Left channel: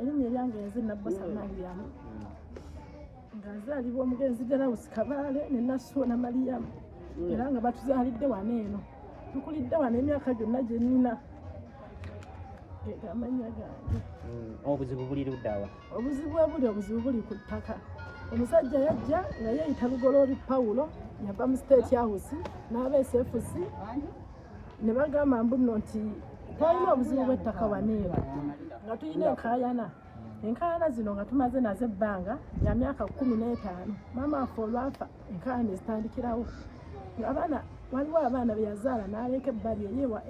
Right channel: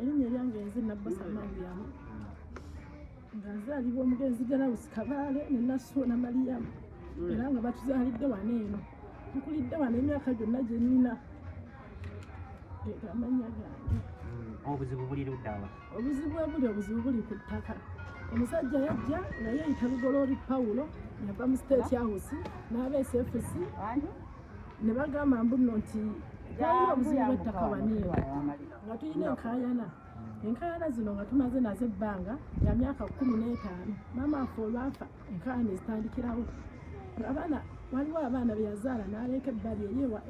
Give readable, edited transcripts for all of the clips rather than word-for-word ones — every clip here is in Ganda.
erinnya lyange nze Nabbosa Mariyamu nga nzaalibwa omugenzi Galawusi Kabaale ne Nassuuna Mariyamu era nga batuzaalidde wano eno tukulidde wano emyaka gyonna gye nnina amanya gange. Obuzibu buli luddawa? Obuzibu buli ku ttaka. Omusajja yajja nga yeeyita Lugoloobi Pawulo yava mu State House n'aba SFC ne bagamba mbuno nti twalina obuzibu bw'ettaka wano eno nga tulina enkaayana zino nga tumaze nazo ebbanga ya myaka 15. Maama waffe olwafa enkaayana ne zitandikirawo. Waliwo abaana be yazaala n'aleka ebbali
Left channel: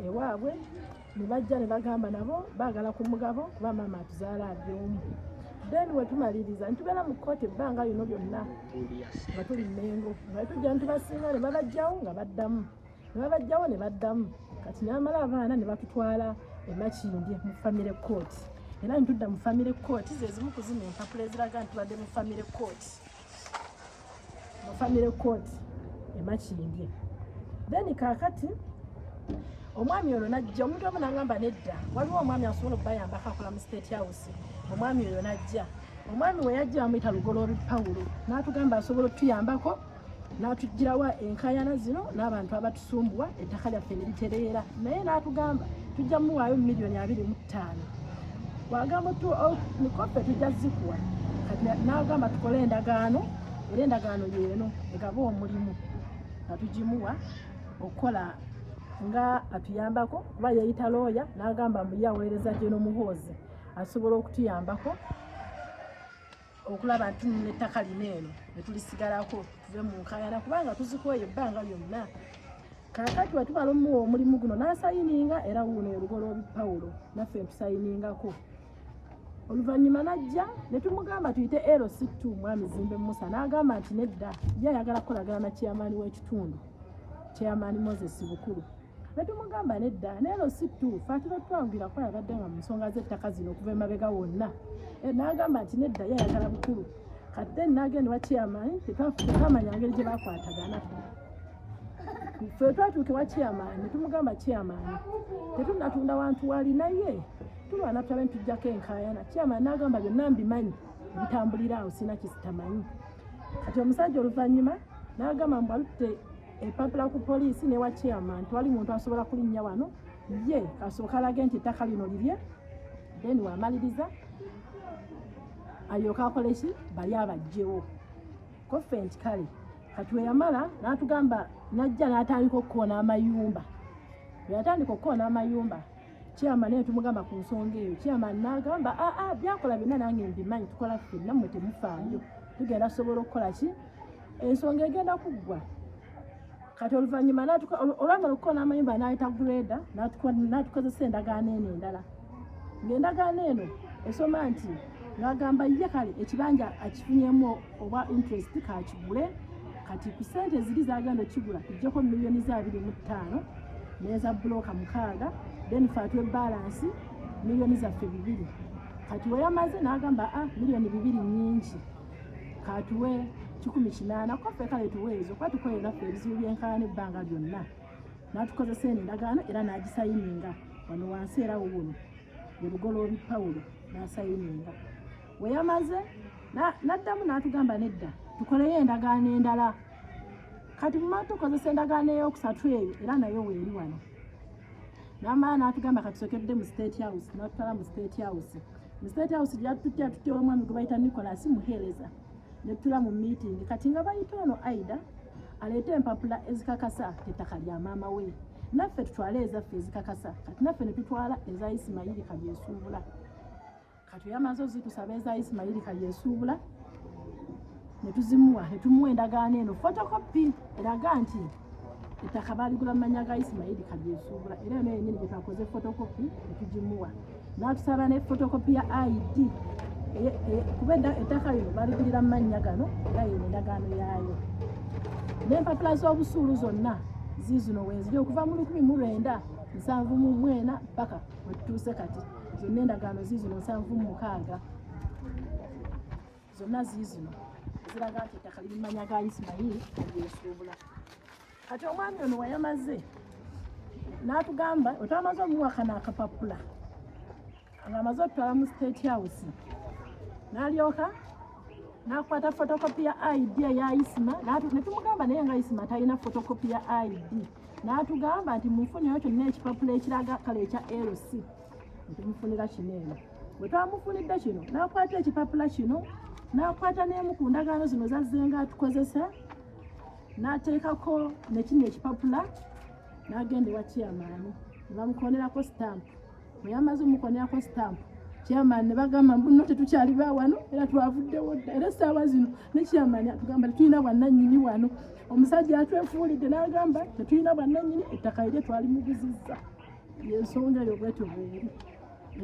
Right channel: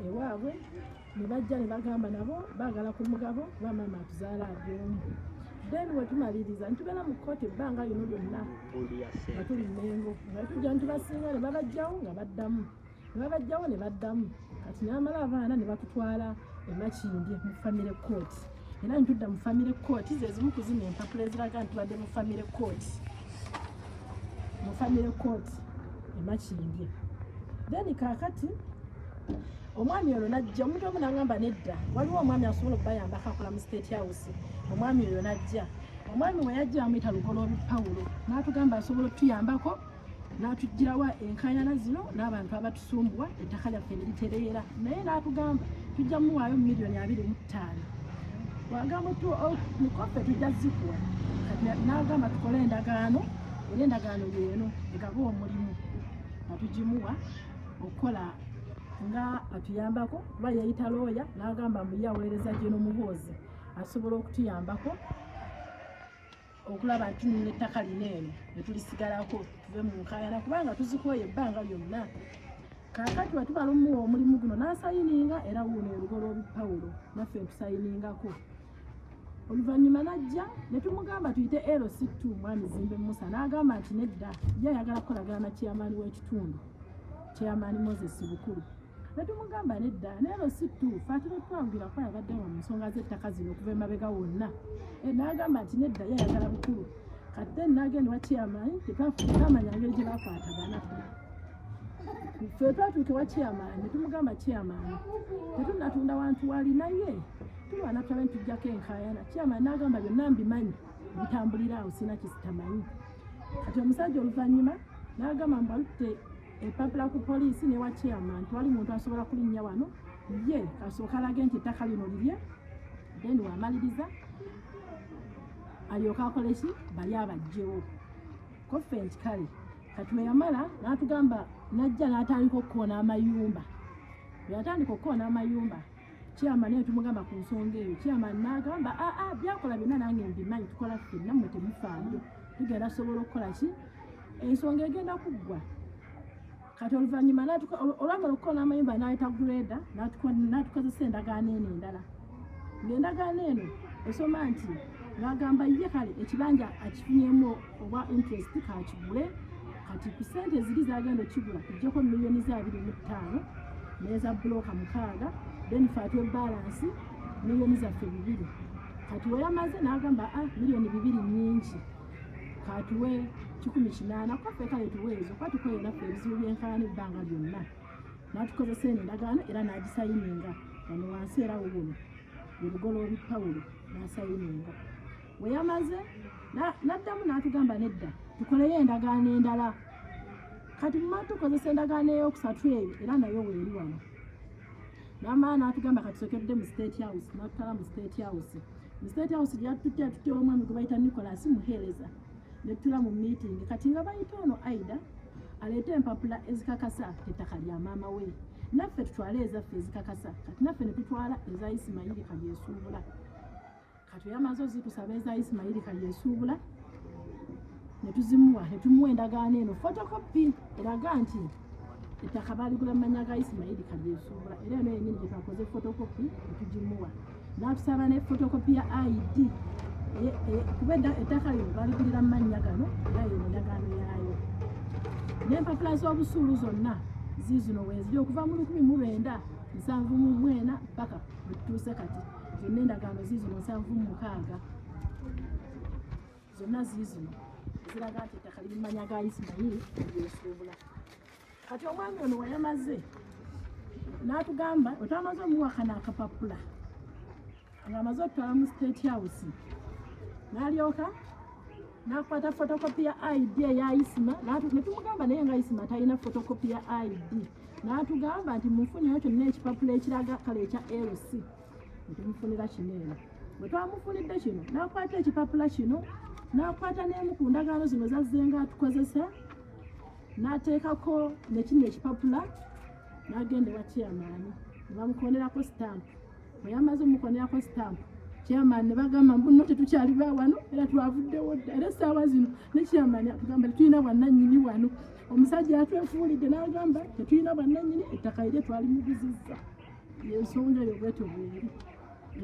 ewaabwe ne bajja ne bagamba nabo baagala ku mugabo kuba maama atuzaala aby'omu. Then we tumaliriza ntubeera mu kkooti ebbanga lino lyonna nga tuli Mmengo nga tujja ntubasinga ne babajjawo nga baddamu ne baddamu kati n'amala abaana ne batutwala e Makindye mu family court era ntudda mu family court ze zimu ku zino empapula eziraga ntubadde mu family court e Makindye. Then kaakati omwami ono najja omuntu omu n'agamba nedda waliwo omwami asobola okubayambako akola mu State House. Omwami oyo najja. Omwami we yajja bamuyita Lugoloobi Pawulo n'atugamba asobola okutuyambako n'atugirawa enkaayana zino n'abantu abatusumbuwa ettaka lyaffe ne litereera naye n'atugamba tujja muwaayo $225,000 wagamba nikoffe tujja zikuwa n'agamba tukole endagaano era endagaano yeeno egaba omulimu atugimuwa okukola nga atuyambako kuba yeyita looya n'agamba mbuye aweereza gye n'omuhoozi asobola okutuyambako okulaba nti n'ettaka lino eno ne tulisigalako tuve mu nkaayana kubanga tuzikoye ebbanga lyonna. Kaakati bwe tumala omuwa omulimu guno n'asayininga era wuuno Lugoloobi Pawulo naffe tusayiningako. Oluvannyuma najja ne tumugamba tuyite LC2 Mwami Zimbe Musa n'agamba nti nedda ye ayagala kukolagana na chairman w'ekitundu Chairman Moses Bukulu. Ne tumugamba nedda ne LC2 fatira twangirako yabadde nga mu nsonga z'ettaka zino okuva emabega wonna. N'agamba nti nedda ye ayagala Bukulu. Kati n'agenda wa chairman tekamanya ngeri gye bakwatagana. Ffe twatuuke wa chairman ne tumugamba chairman tetunnatunda wantu wali naye tulwana tulabe ntujjako enkaayana. Chairman n'agamba byonna mbimanyi bitambulira awo sina kisitamanyi. Kati omusajja oluvannyuma n'agamba mbu alutte epapula ku poliisi ne wa chairman twali muntu asobola kulinnya wano ye asooka alage nti ettaka lino lirye then wamaliriza alyoka akole ki bali abajjewo koffe nti kale kati we yamala n'atugamba najja n'atandika okukoona amayumba. Bwe yatandika okukoona amayumba chairman naye tumugamba ku nsonga eyo chairman n'agamba byakola byonna nange mbimanyi tukola ffenna mmwe temufaayo tugenda sobola okukola ki ensonga egenda kuggwa. Kati oluvannyuma olwamala okukoona amayumba n'ayita greda n'atukozesa endagaano eno endala ng'endagaano eno esoma nti n'agamba ye kale ekibanja akifunyemu oba interest kakigule kati ku ssente ziri zagenda okigula tujjeko $225,000 n'eza bulooka 6 then fatwe balance $2 zaffe 2. Kati we yamaze n'agamba $2 nnyingi katuwe 18 koffe kale tuweezo kuba tukoye naffe ebizibu by'enkaayana ebbanga lyonna n'atukozesa eno endagaano era n'agisayininga wano wansi era wuuno Lugoloobi Pawulo n'asayininga. We yamaze n'addamu n'atugamba nedda tukoleyo endagaano endala. Kati mumala tukozesa endagaano ey'okusatu eyo era nayo weeri wano n'amala n'atugamba katusokedde mu State House n'atutwala mu State House. Mu State House gyatutya tutya omwami gwe bayita Nicholas Muheereza ne tutula mu meeting kati nga bayita ono Aida aleeta empapula ezikakasa ettaka lya maama we naffe tutwale ezaffe ezikakasa kati naffe ne tutwala eza Ismail Kalyesuubula. Kati yamaze ozitusaba eza Ismail Kalyesuubula ne tuzimuwa ne tumuwa endagaano eno photocopy eraga nti ettaka baaligula mu mannya ga Ismail Kalyesuubula era eno yennyini gye twakoze photocopy ne tugimuwa n'atusaba ne photocopy ya ID kuba ettaka lino baligulira mu mannya gano era yeno endagaano yaayo n'empapula z'obusuulu zonna ziizino weeziri okuva mu 1974 paka we tutuuse kati zonna endagaano ziizino 76. zonna ziizino ziraga nti ettaka lirimanya ga Isimayiri olyesuubula. Kati omwami ono wayamaze n'atugamba otwamaze omuwakana akapapula ng'amaze okutwala mu State House n'alyoka n'akwata fotokopi ya ID eya Isima ne tumugamba naye nga Isima talina fotokopi ya ID n'atugamba nti mufunyeyo kyonna ekipapula ekiraga kale ekya LC netumufunira kino eno. Bwe twamufunidde kino n'akwata ekipapula kino n'akwata n'emu ku ndagaano zino zazzenga atukozesa n'ateekako ne kino ekipapula n'agenda ewa chairman ne bamukonerako stamp. Bwe yamaze omukonerako stamp chairman ne bagamba mbuno tetukyali ba wano era twavuddewo dda era essaawa zino ne chairman atugamba tetulina bwannannyini wano. Omusajja atwefuulidde n'agamba tetulina bwannannyini ettaka lye twalimuguzizza y'ensonga yo bwetyo bweri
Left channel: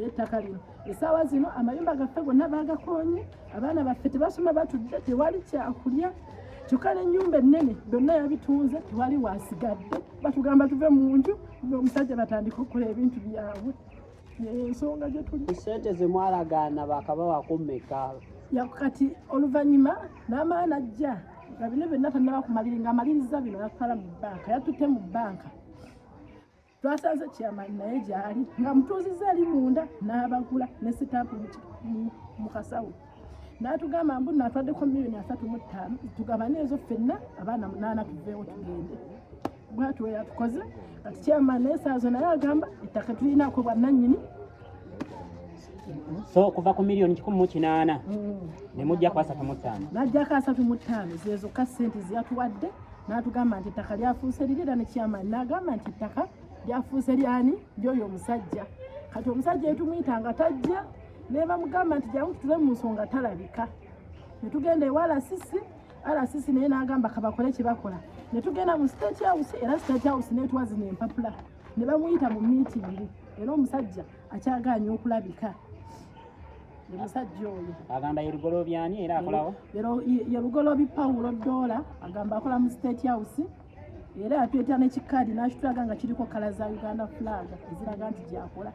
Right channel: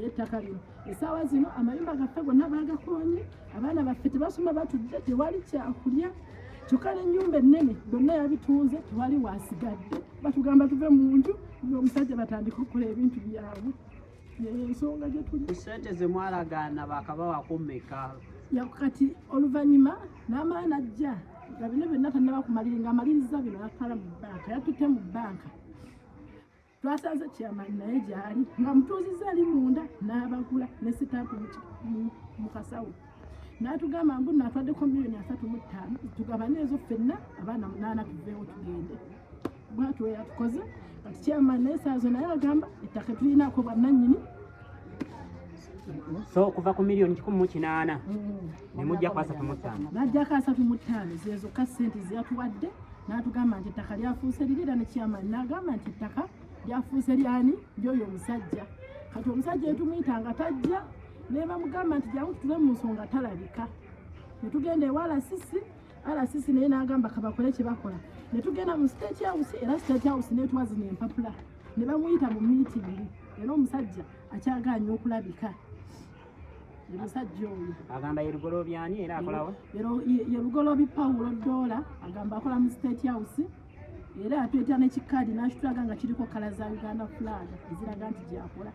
ettaka lino. Essaawa zino amayumba gaffe gonna baagakoonye abaana baffe tebasoma batudde tewali kyakulya kyokka n'ennyumba ennene byonna yabitunze tewali waasigadde batugamba tuve mu nju omusajja batandika okukola ebintu byabwe. Ensonga gye tuli ssente ze mwalagaana bakabawako mmeka? kati oluvannyuma n'amaana ajja nga bino byonna tannaba kumaliri ng'amaliriza bino yatwala mu bbanka yatutte mu bbanka. Twasanze chairman naye gyali nga mutuuzizza ali munda n'abagula ne sitampu mu kasawo n'atugamba mbu natwaddeko $3,35,000 tugabane ezo ffenna abaana 8 tuveewo tugende. Bwatu we yatukoze kati chairman naye saazo naye agamba ettaka tulinaako bwannannyini. So kuva ku $1,800,000 ne mujja ku 35. N'ajjako 35 zezo ka ssente zeyatuwadde n'atugamba nti ettaka lyafuuse lirira ne chairman n'agamba nti ettaka lyafuuse lyani ly'oyo omusajja. Kati omusajja etumuyita nga tajja ne bamugamba nti jangu tutule mu nsonga talabika. Ne tugenda ewa RCC naye n'agamba kabakole kye bakola. Ne tugenda mu State House era State House n'etwazina empapula ne bamuyita mu miitingi era omusajja akyagaanye okulabika. Omusajja oyo agamba yerugolobyani era akolawo yerugolobi Paulo Dola agamba akola mu State House era atuyita n'ekikaadi n'akitulaga nga kiriko kala za Uganda flag eziraga nti gyakola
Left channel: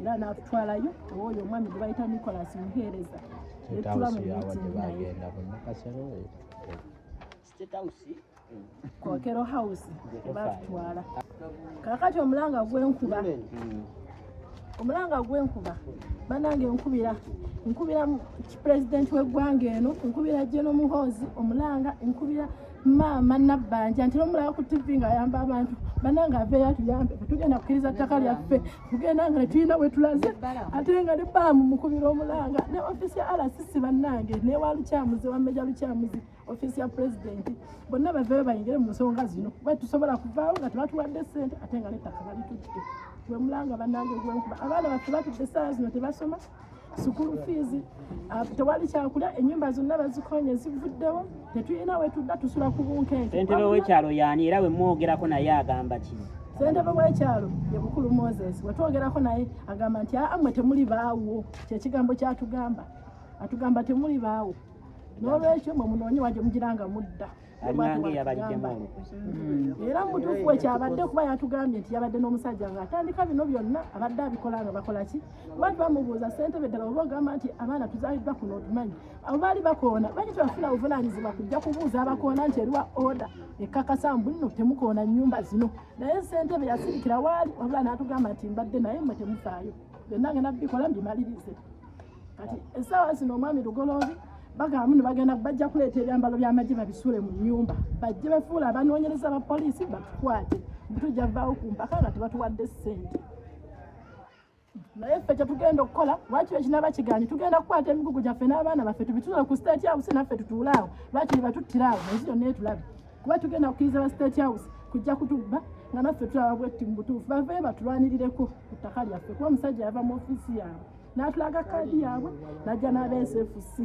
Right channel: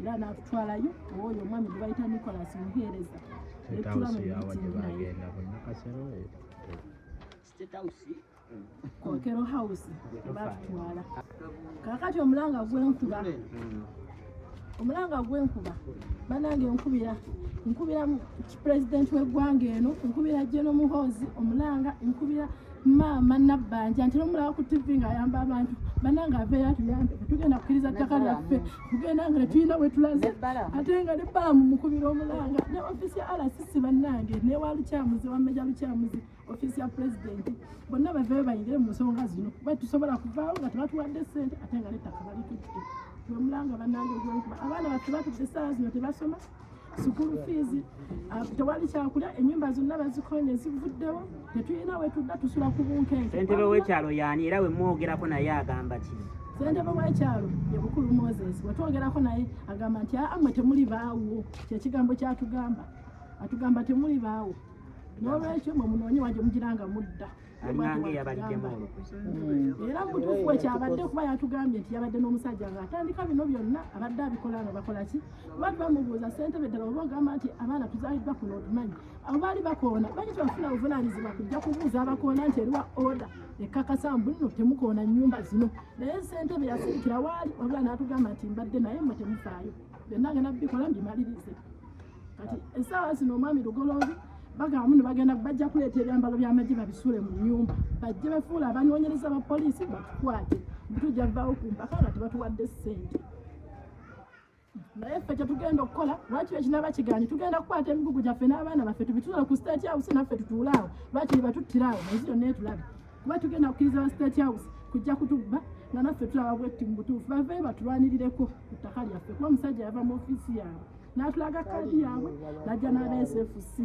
era n'atutwalayo oyo omwami gwe bayita Nicholas Muheereza netula mu miitingi naye Kokero House batutwala. Kakati omulanga gw'enkuba banange nkubira president w'eggwanga eno nkubira Jeno Muhoozi omulanga nkubira maama Nabbanja nti omulaba ku TV nga ayamba abantu banange aveeyo atuyambe tugenda kukkiriza ttaka lyaffe tugenda nga netulina we tulaze ate nga ne baamu mukubira omulanga ne ofisi ya RCC bannange ne wa lukyamuzi wa Meja Lukyamuzi ofisi ya president bonna baveeyo bayingire mu nsonga zino kuba tusobola kuvaawo nga tebatuwadde ssente ate nga n'ettaka balitutte. Gwe mulanga bannange gw'enkuba abaana baffe batudde essaawa zino tebasoma sukulu fees tewali kyakulya ennyumba zonna bazikonye zivuddewo tetulina we tudda tusula ku bunkenke. Ssentebe w'ekyalo yaani era we mwogerako naye agamba ki? Ssentebe w'ekyalo ye Bukulu Moses we twogerako naye agamba nti mmwe temuli baawo kyekigambo kyatugamba atugamba temuli baawo n'olwekyo mwe munoonye wagye mugiranga mudda era mutuufu ekyabadde kuba yatugambye nti yabadde n'omusajja ng'atandika bino byonna abadde abikola ano bakola ki kuba bamubuuza ssentebe ddala oba ogamba nti abaana tuzaaliddwa kuno otumanyi abo baali bakoona banyi tebafuna buvunaanyizibwa kujja kubuuza abakoona nti eriwa oda ekkakasa mbu nno temukoona nnyumba zino naye ssentebe yasirikira waali obula n'atugamba nti mbadde naye mmwe temufaayo byonna ngenda bikola mbimalirize. Kati essaawa zino omwami Lugoloobi bagamba ne bagenda bajja kuleeta ebyambalo by'amagye babisuule mu nnyumba bajje bafuula abanoonyereza ba poliisi batukwate tujja vaawo ku mpaka nga tebatuwadde ssente. Naye ffe kyetugenda okukola lwaki ekinaba kigaanyi tugenda kukwata emigugu gyaffe n'abaana baffe tubitula ku State House naffe tutuulaawo lwaki batuttirawo naye yonna etulabe kuba tugenda kukkiriza ba State House kujja kutubba nga naffe tulaba bwetti mu butuufu baveeyo batulwanirireko ku ttaka lyaffe kuba omusajja yava mu ofiisi yaabwe n'atulaga kaadi yaabwe n'ajja n'aba SFC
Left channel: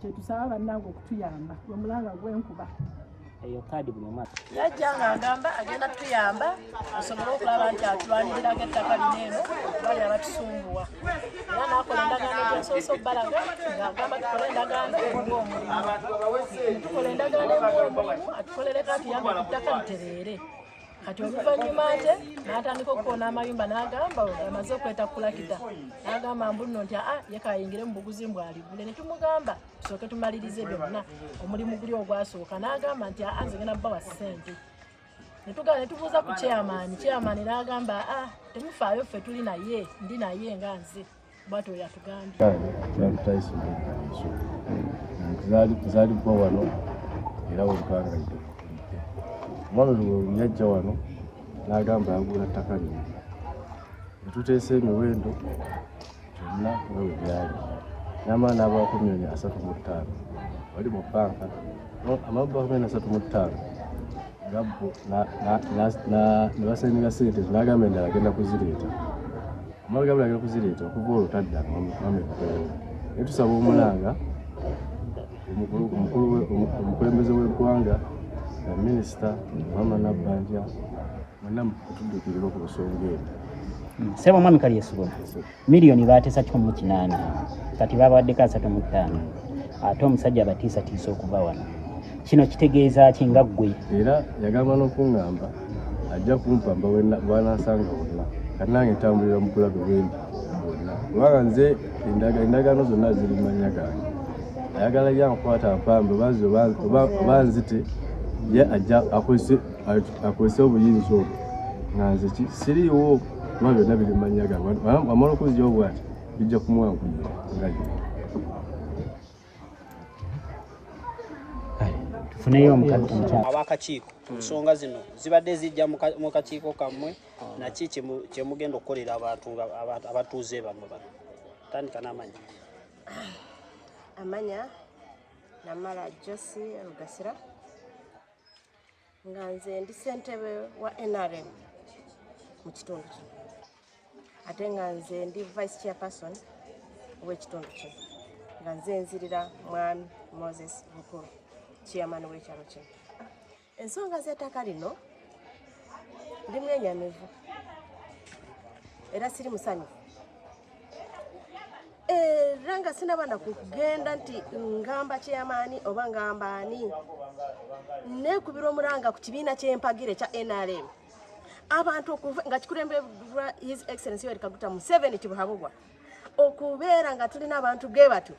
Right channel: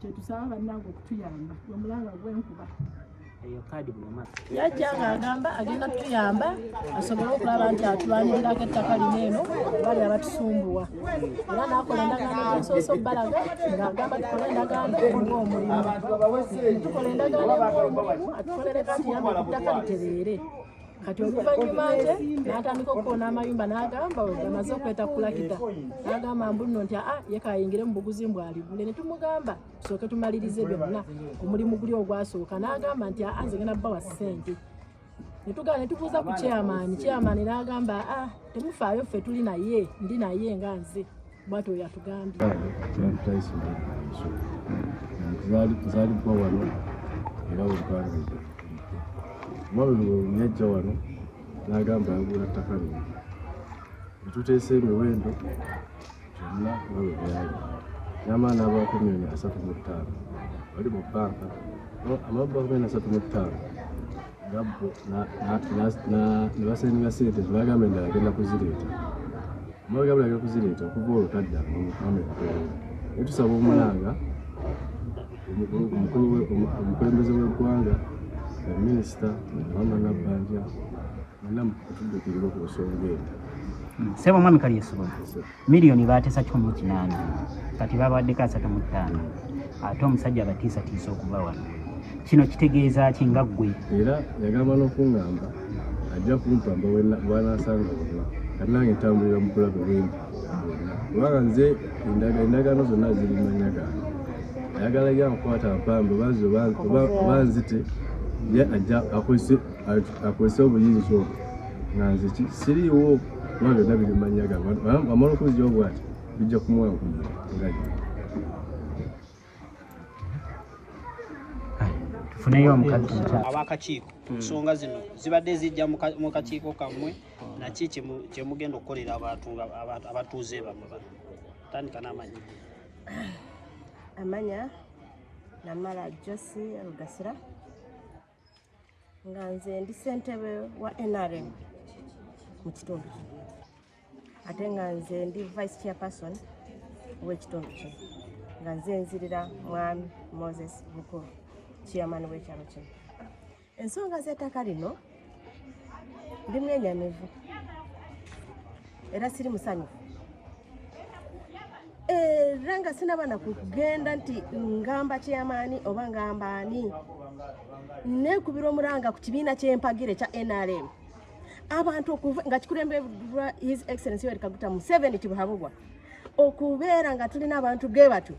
kyetusaba bannange okutuyamba omulanga gw'enkuba eyo kaadi buloma yajja ng'agamba agenda tuyamba asobole okulaba nti atulwanirirako ettaka lino eno bali abatusumbuwa era n'akola endagaano gyensooso bbalaga ng'agamba tukole endagaano ng'omulimu tukola endagaano ng'omulimu atukolere kati yambe ku ttaka litereere kati oluvannyuma ate n'atandika okukoona amayumba n'agamba amaze okweta kulakita n'agamba mbuno nti ye kayingire mu buguzi mbwaligule ne tumugamba tusooke tumalirize byonna omulimu guli ogwasooka n'agamba nti nze ngenda bbawa ssente ne tubuuza ku chairman n'agamba temufaayo ffe tuli naye ndi naye nga nze bwatyo yatugambye tuzaalibwa wano era webukanga omwana olwo yajja wano n'agamba agula ttaka lino netuteesa emiwendo gyonna nga bwe byali n'amaana n'abaako $335 wali mu banka amabba $335 gabbo ne basenga sente n'agamba endala agenda kuzireeta amagabula agenda kuzireeta okuva olwo tadda mamekatooyo naye tusaba omulanga omukulembeze w'eggwanga minisita mama nabbanja mwenna mutuddukirira ku nsonga eyo sebo mwami Kalyesuula miliyoni bateesa 18 kati babawaddeko 35 ate omusajja abatiisatiisa okuva wano kino kitegeeza ki nga ggwe era yagamba n'okuŋŋamba ajja kumpamba bw'anansanga bonna kati nange ntambulira mu kulabe bwendi bwonna kubanga nze endagaano zonna ziri mu mannya gange ayagala yankwata mpambe oba nzite ye ajja akozesa obuyinza obwo nga nze siriiwo kuba byonna biri mu mannya gange amala okuzigyawo bwati bijja kumuwangulira tufuneyo abakakiiko ensonga zino zibadde zijja mu kakiiko kammwe naki kyemugenda okukolera abatuuze Bakaba tandika n'amanya amanya namala Josi Rugasira nga nze ndi ssentebe wa NRM mu kitundu kino ate nga nze ndi vice chairperson w'ekitundu kino nga nze nzirira mwami Moses Bukulu chairman w'ekyalo kino ensonga z'ettaka lino ndi mwenyamivu era siri musanyufu era nga sinaba na kugenda nti ngamba chairman oba ngamba ani nekubira omulanga ku kibiina ky'empagire kya NRM abantu nga kikulembebwa His Excellency Yoweri Kaguta Museveni Kibuhabubwa okubeera nga tulina abantu ge batu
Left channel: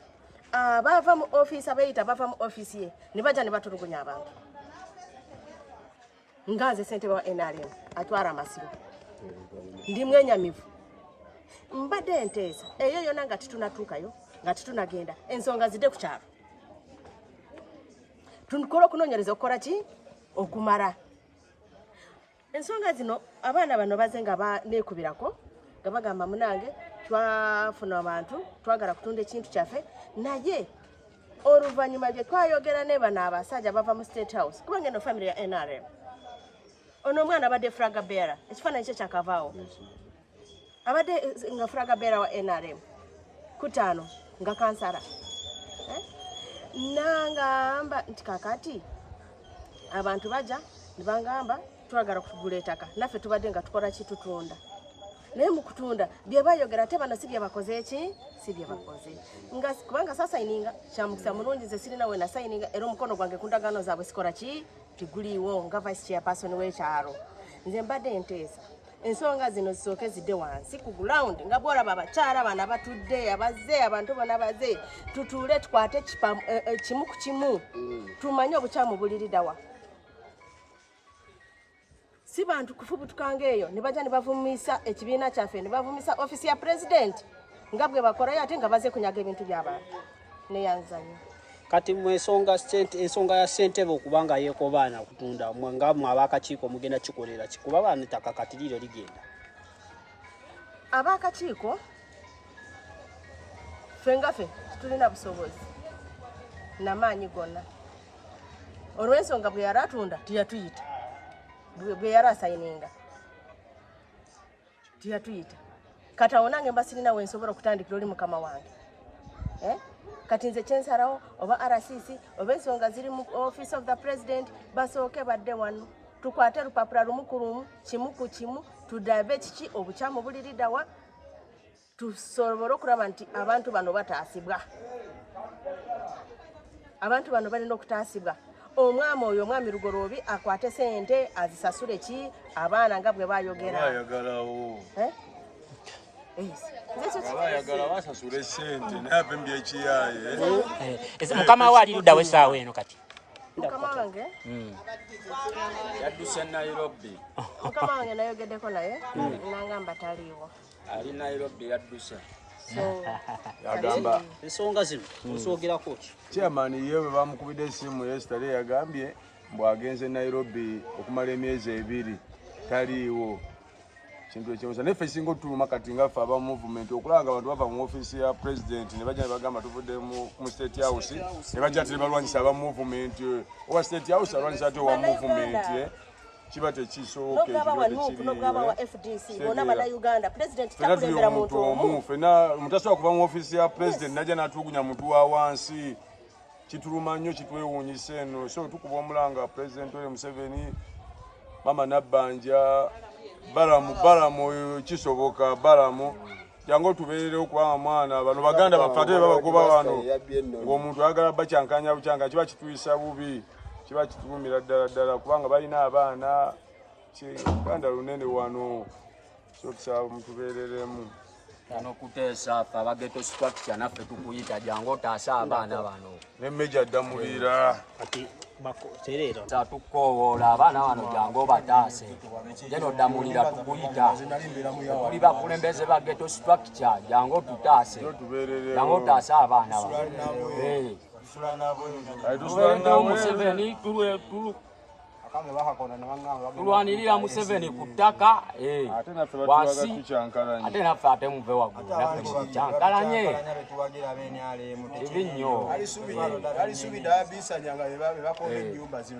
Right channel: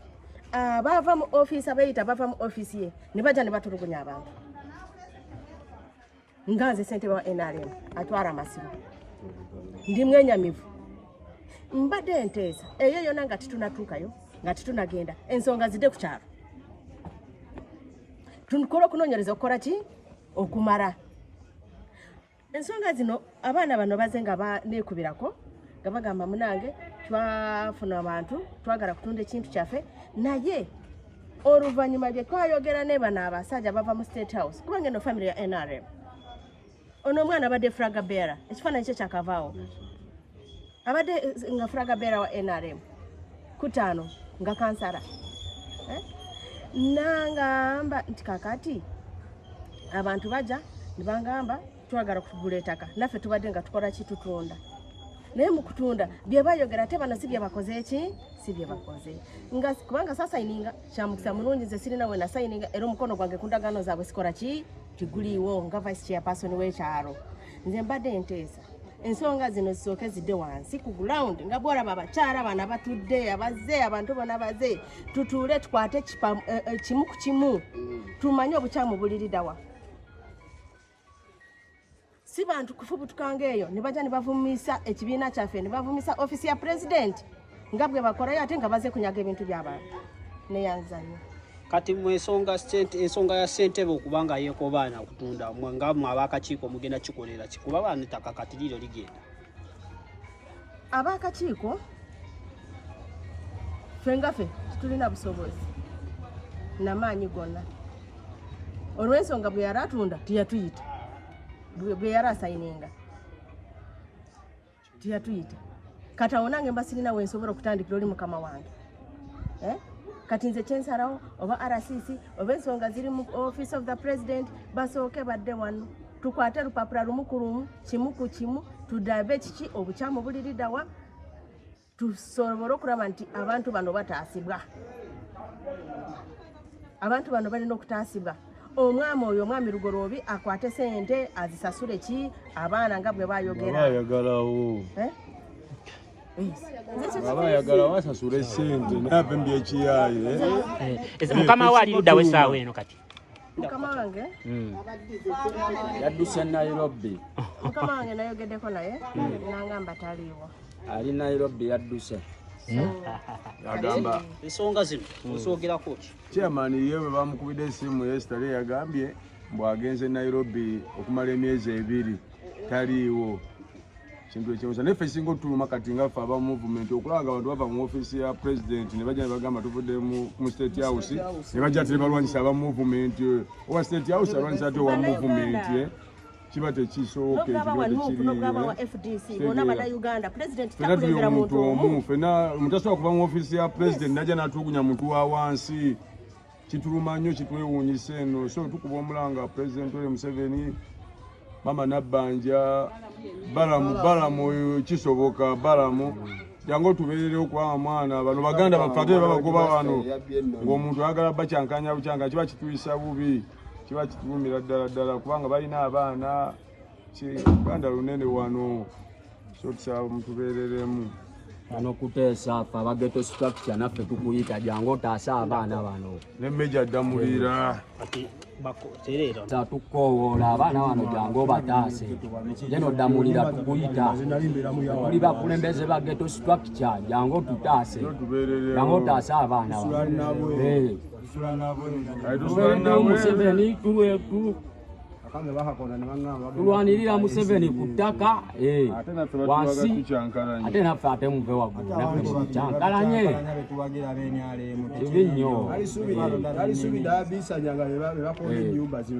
abava mu office Abeyiita bava mu office ye ne bajja ne batulugunya abantu nga nze ssentebe wa NRM atwara amasibo ndi mwenyamivu mbadde enteesa eyo yonna nga titunatuukayo nga titunagenda ensonga zidde ku kyalo tukola okunoonyereza okukola ki okumala ensonga zino abaana bano baze nga baneekubirako nga bagamba munange twafuna abantu twagala kutunda ekintu kyaffe naye oluvannyuma gye twayogera ne bano abasajja bava mu State House kubanga eno family ya NRM ono omwana abadde flaga bearer ekifaananyi kye kyakavaawo abadde nga flaga bearer wa NRM kutaano nga kansala nangamba nti kakati abantu bajja nibangamba twagala kugula ettaka naffe tubadde nga tukola kitutunda naye mu kutunda bye bayogera ate bano si bye bakoze eki si bye bakoze nga kubanga sasayininga kyamukisa mulungi nze sirina we nasayininga era omukono gwange ku ndagaano zaabwe sikola ki tiguliiwo nga vice chairperson w'ekyalo nze mbadde enteesa ensonga zino zisooke zidde wansi ku ground nga bwolaba abakyala bana batudde abaze abantu bonna baze tutuule tukwate kimu ku kimu tumanye obukyamu buliriddawa si bantu kufubutukanga eyo ne bajja ne bavumisa ekibiina kyaffe ne bavumisa ofisi ya president nga bwe bakolayo ate nga baze kunyaga ebintu by'abantu neyanzanya kati mu ensonga ya ssentebe okubanga yeekobaana kutunda nga mwe ab'akakiiko mugenda kikolera kikuba baana ettaka kati liro ligenda ab'akakiiko ffe nga ffe tulina busobozi n'amaanyi gonna olw'ensonga bwe yali atunda teyatuyita bwe yali asayininga teyatuyita kati awo nange mba sirina wensobola okutandikira oli mukama wange kati nze kyensalawo oba RCC oba ensonga ziri mu office of the president basooke badde wano tukwate lupapula lumu ku lumu kimu ku kimu tudabe kiki obukyamu buliriddawa tusobole okulaba nti abantu bano bataasibwa abantu bano balina okutaasibwa omwami oyo omwami Lugoloobi akwate sente azisasule ki abaana nga bwe bayogera bayagalawo abayagala wasasula sente naye apembye ekiyaye mukama we ali ludda wesaawa eno kati mukama wange yadduse Nairobi mukama wange nayogeddeko naye nangamba taliiwo ali Nairobi yadduse agamba ensonga zino nsogerako ki chairman ye bwe bamukubidde esimu yesterday yagambye bw'agenze Nairobi okumala emyezi 2 taliiwo kintu ekyosa neffe singa otuluma kati nga ffe aba movement okulanga abantu bava mu ofiisi ya president ne bajja ne bagamba tuvudde mu state house ne bajja ate ne balwanyisa aba movement owa state house alwanyisa ate owa movement kiba tekisoboka ekyo omuntu omu ffenna mutasobola kuva mu ofiisi ya president najja n'atulugunya muntu wa wansi kituluma nnyo kitwewuunyisa eno so tukuba omulanga president we Museveni mama Nabbanja balamu kisoboka balamu jangu tubeerere okuba mwana bano baganda baffe ate babagoba wano ng'omuntu ayagala bacyankanya bucyanka kiba kituyisa bubi kiba kitulumira ddala kubanga balina abaana kiganda lunene wano so tusaba mutubeereremu ano kuteesa ffe abageto structure naffe tukuyita jangu otaasa abaana bano nemmeja addamulira tukowoola abaana bano jangu bataase jeno ddamulira tukuyita tuli bakulembeze ba geto structure jangu tutaase jangu otaase abaana bano tubeereddewo Museveni tulwanirira Museveni ku ttaka wansi ate naffe ate muve waggulu naffe mukyankalanye kibi nnyo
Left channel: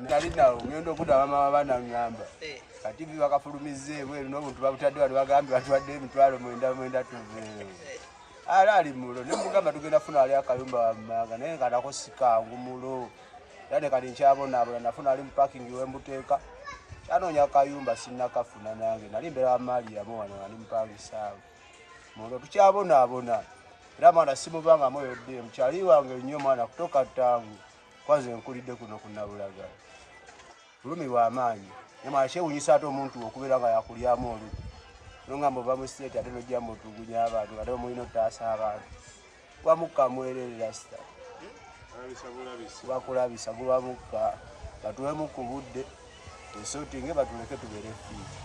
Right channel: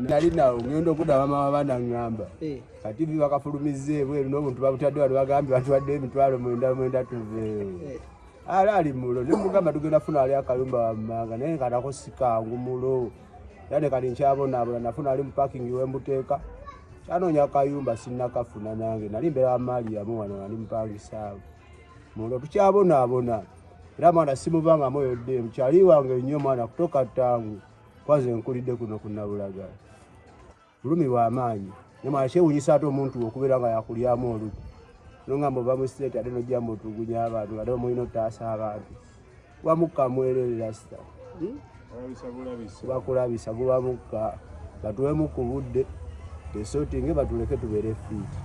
nalinawo ngenda okudaba mama banaŋŋamba kati bibakafulumiza ebweru n'obuntu babutadde wano bagambye batuwaddeyo emitwalo 9 tuveewo ali mulo nemugamba tugenda funa ali akayumba wammanga naye kanako sikangu mulo yane kali nkyabonabona nafuna ali mu parking w'embuteeka kyanoonya akayumba sinnakafuna nange nali mbera wa Mariamu wano ali mupangisaawo mulo tukyabonabona era mwana simubanga moyodde mukyali wange nnyo mwana kutoka tangu kwanze nkulidde kuno kunnabulagala bulumi bw'amaanyi ne mwana kyewuunyisa ate omuntu okubeera nga yakulyamu oluku nongamba ova mu state ate nojjamba otugunya abantu ate omulina otaasa abantu wamukkamwererera sita kubakulabisa gubamukka batuwemu ku budde tesotinge batuleke tubeere fiiti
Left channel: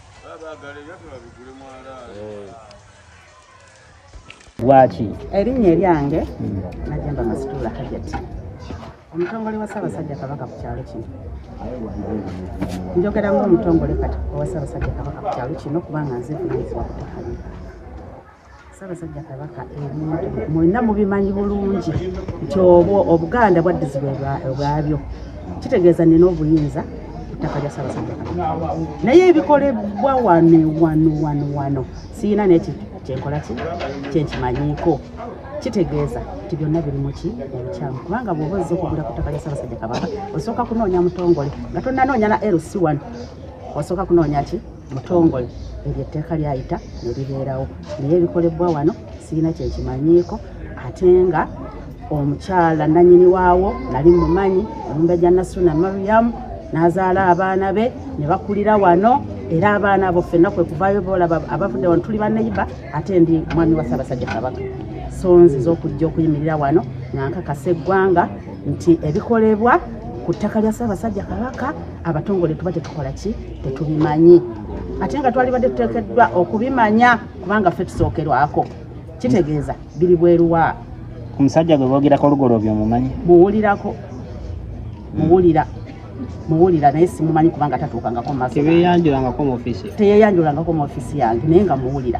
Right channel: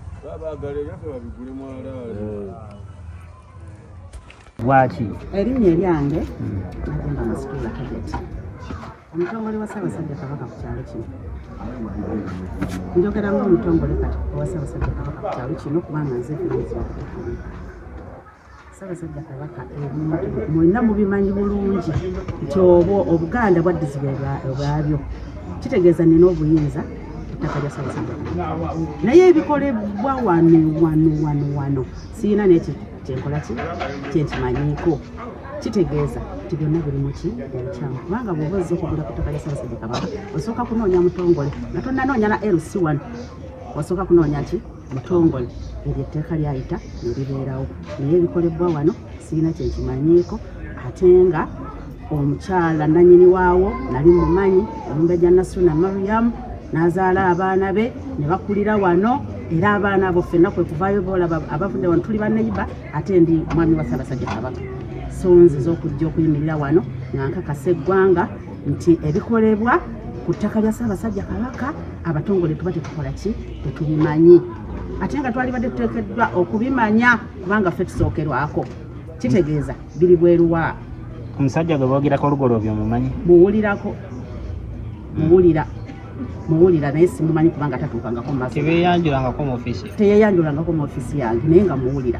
lwaki erinnya eryange Najemba Masitula Kajati omutongole wa Ssaabasajja Kabaka ku kyalo kino njogera ng'omutongole kati wa Ssaabasajja Kabaka ku kyalo kino kubanga nze vunaanyizibwa ku ttaka lino Ssaabasajja Kabaka ebintu mwena mubimanyi bulungi nti obuganda bwaddizibwa obwabyo kitegeeza nina obuyinza ettaka lya Ssaabasajja Kabaka naye ebikolebwa wano siina n'ekyo kyenkola ki kyenkimanyiiko kitegeeza nti byonna biri muki obukyamu kubanga bw'oba ozze okugula ku ttaka lya Ssaabasajja Kabaka osooka kunoonya mutongole nga tonnanoonya na LC1 osooka kunoonya ki mutongole eryo etteeka lyayita ne libeerawo naye ebikolebwa wano siina kyenkimanyiiko ate nga omukyala nannyini waawo nali mumanyi Omumbejja Nasuna Mariam n'azaala abaana be ne bakulira wano era abaana abo ffenna kwe kuvaayo boolaba abavudde wano tuli baneiba ate ndi mwami wa Ssaabasajja Kabaka so nziza okujja okuyimirira wano nankakasa eggwanga nti ebikolebwa ku ttaka lya Ssaabasajja Kabaka abatongole tuba tetukola ki tetubimanyi ate nga twalibadde tuteekeddwa okubimanya kubanga ffe tusookerwako kitegeeza biri bweruwa omusajja gwe boogerako Lugoloobi omumanyi muwulirako muwulira naye simumanyi kubanga tatuukangako mu maaso tebeeyanjulangako mu ofiisi teyeyanjulangako mu ofiisi yange naye nga muwulira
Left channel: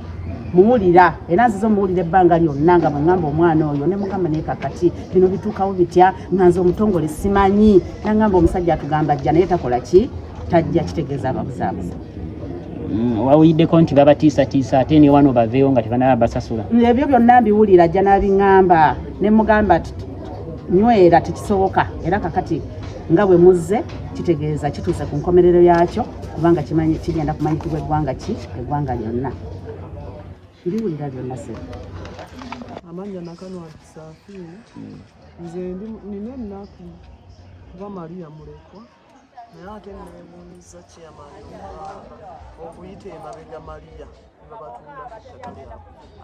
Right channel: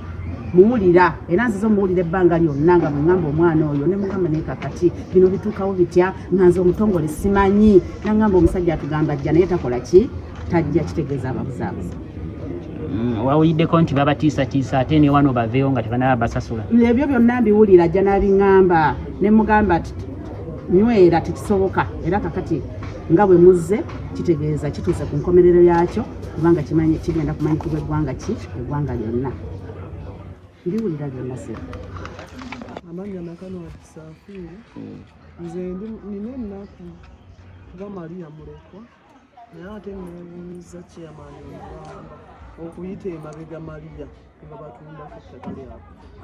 era nziza omuwulira ebbanga lyonna nga bweŋŋamba omwana oyo ne mugamba naye kakati bino bituukawo bitya nga nze omutongole simanyi naŋŋamba omusajja atugamba ajja naye takola ki tajja kitegeeza ababuzaabuza wawuliddeko nti babatiisatiisa ate ne wano baveewo nga tebanaba basasula ebyo byonna mbiwulira ajja n'abiŋŋamba ne mugamba nywera tekisoboka era kakati nga bwe muzze kitegeeza kituuse ku nkomerero yakyo kubanga kigenda kumanyikibwa eggwanga lyonna mbiwulira byonna se amanya nakano akisaafiri nze nina ennaku kuba Maria mulekwa naye ate nebuuliza chairman okuyita emabega Maria nga batunda ettaka lyabwe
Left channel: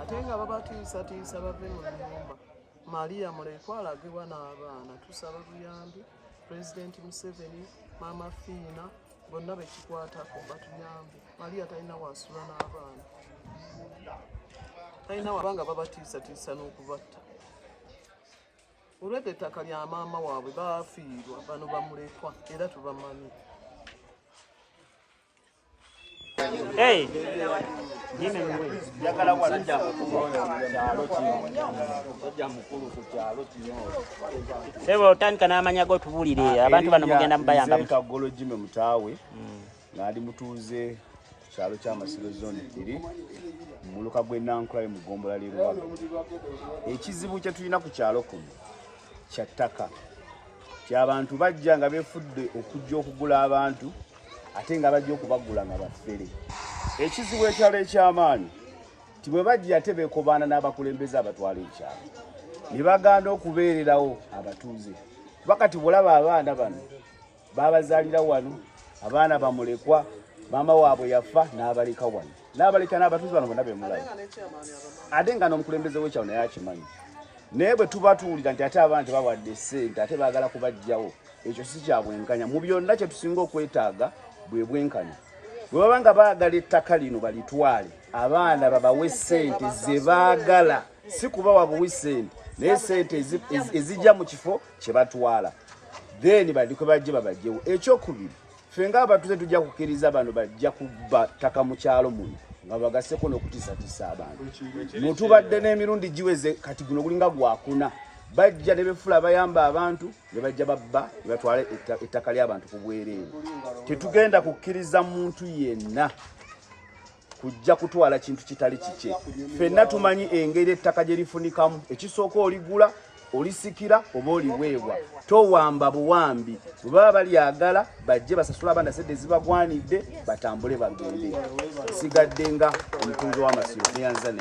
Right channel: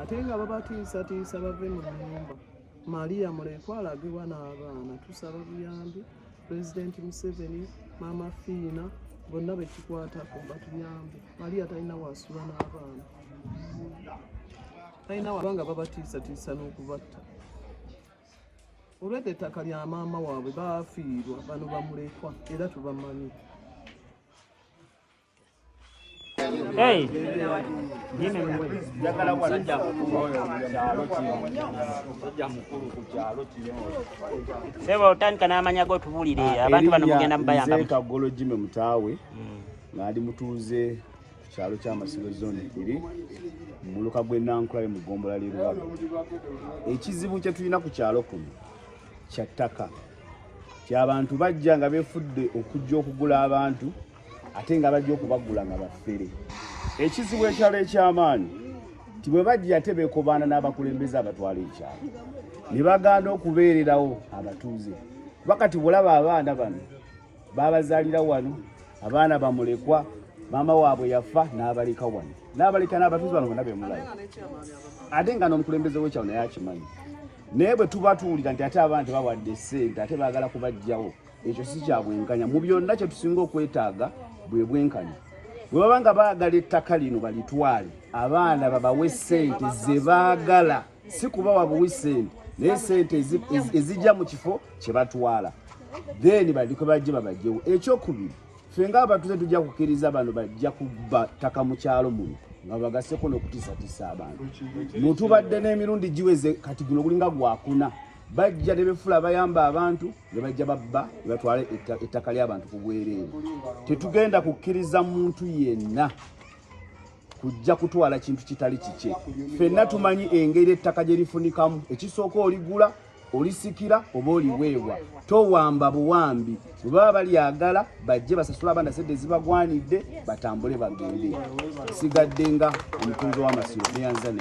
ate nga babatiisatiisa bave mu nnyumba. Maria mulekwa alagibwa n'abaana. Tusaba buyambi Pulezidenti Museveni, Maama Fiina bonna bekikwatako batuyambe. Maria talina wasula n'abaana, talina kubanga babatiisatiisa n'okubatta. Olwedde ettaka lya maama waabwe baafiirwa bano bamulekwa era tubamanyi. Sebo otandika n'amanya go tubuulire abantu bano mugenda mubayamba. Nze Kagolo Jimmy Mutaawe ng'ali mutuuze kyalo ky'Amasiro zone 2 mu muluka gw'Ennankula mu Gombola lye Rubaga. Ekizibu kye tulina ku kyalo kuno kya ttaka. Ky'abantu bajja nga beefudde okujja okugula abantu ate nga bajja okubagula nga baffere. Ekizibu ekyalo eky'amaanyi nti bwe bajja ate beekobaana n'abakulembeze abatwala ekyalo ne baganda okubeererawo abatuuze. Wakati bulaba abaana bano babazaalira wano, abaana bamulekwa, maama waabwe yafa n'abaleka wano, n'abaleka n'abatuuze bano bonna bemulaba ate nga n'omukulembeze w'ekyalo naye akimanyi. Naye bwe tuba tuwulira nti ate abaana tebawadde ssente ate baagala kubajjawo, ekyo si kya bwenkanya. Mu byonna kye tusinga okwetaaga bwe bwenkanya. Bwe baba nga baagala ettaka lino balitwale, abaana babawe ssente ze baagala, si kubawa buwi ssente naye ssente ezijja mu kifo kye batwala, then badiko bajje babajjewo. Ekyokubiri, ffe ng'abatuuze tujja kukkiriza bano bajja kubba ttaka mu kyalo muno nga bagaseko n'okutiisatiisa abantu. Mutubadde n'emirundi giweze, kati guno gulinga gwakuna. Bajja ne befula bayamba abantu ne bajja babba ne batwala ettaka ly'abantu ku bwereere. Tetugenda kukkiriza muntu yenna kujja kutwala kintu kitali kikye. Ffenna tumanyi engeri ettaka gye lifunikamu. Ekisooka oligula, olisikira oba oliweebwa. Towamba buwambi. Bwe baba balyagala bajje basasula abaana ssente ezibagwanidde batambule bagende. Sigadde nga omutuuze w'Amasiro neyanza.